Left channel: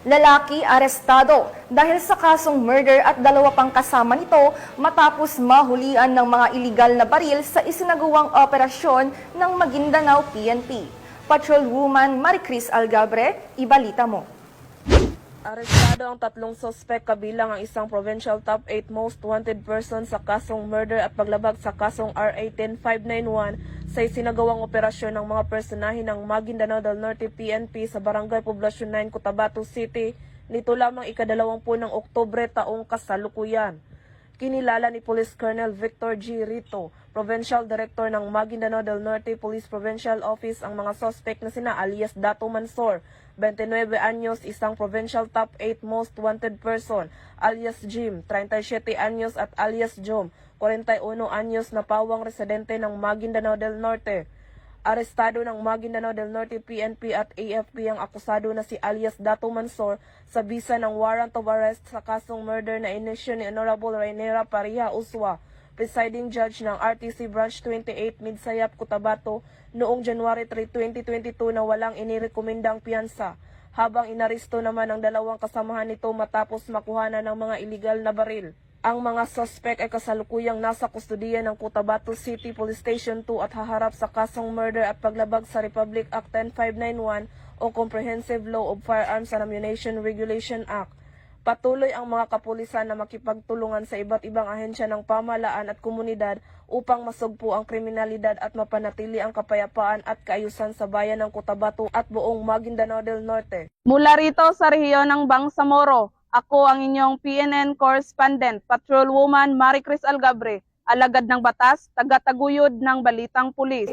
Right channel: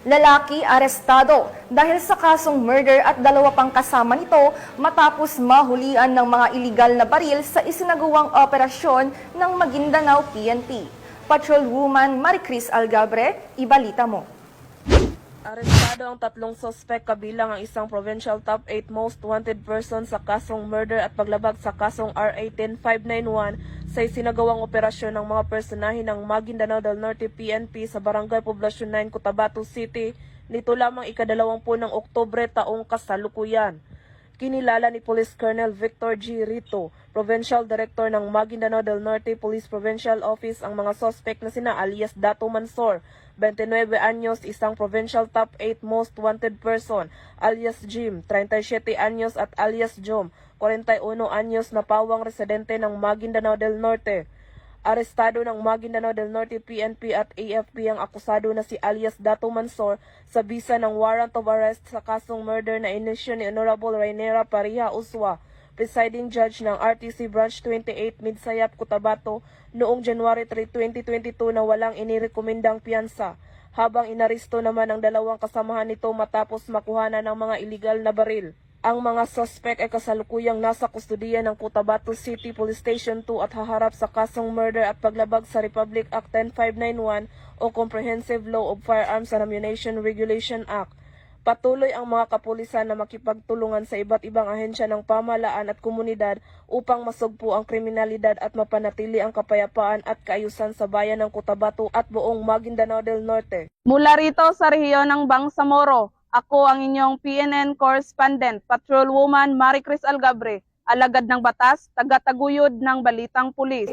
Lalaki arestado dahil sa kasong murder at dalawa pang kasama nito matapos mahulian ng mga iligal na baril sa isinagawang operasyon ng Maguindanao PNP. Patrolwoman Maricris Algabre, ibalita mo. Arestado ang tatlong sospek kabilang ang isang provincial top 8 most wanted person sa kasong murder at paglabag sa kasong R18591 sa isinagawang operasyon ng mga personahe ng Maguindanao del Norte PNP sa Barangay Poblacion 9, Cotabato City nito lamang ika-20 ng Oktubre taong kasalukuyan. Kinilala ni Police Colonel Victor G. Rito, Provincial Director ng Maguindanao del Norte Police Provincial Office ang mga suspect na sina alias Dato Mansor, 29 anyos, isang Provincial Top 8 Most Wanted Person, alias Jim, 37 anyos at alias Jom, 41 anyos na pawang residente ng Maguindanao del Norte. Arestado ng Maguindanao del Norte PNP at AFP ang akusado na si alias Dato Mansor sa bisa ng warrant of arrest sa kasong murder na inisyu ni Honorable Rainera Pariha Uswa, presiding judge ng RTC Branch 28 Midsayap, Cotabato noong January 3, 2022 na walang inirekomendang piyansa, habang inaristo naman ang dalawang kasamahan nito matapos makuhanan ng mga iligal na baril. Ang mga suspect ay kasalukuyang nasa kustudiya ng Cotabato City Police Station 2 at haharap sa kasong murder at paglabag sa Republic Act 10591 o Comprehensive Law of Firearms and Ammunition Regulation Act. Patuloy ang mga kapulisan na makipagtulungan sa iba't ibang ahensya ng pamahalaan at komunidad upang masugpo ang kriminalidad at mapanatili ang kapayapaan at kaayusan sa bayan ng Cotabato at buong Maguindanao del Norte. Mula rito sa rehiyon ng Bangsamoro, ako ang inyong PNN correspondent, Patrolwoman Maricris Algabre, alagad ng batas, taga-taguyod ng Balitang Pulis.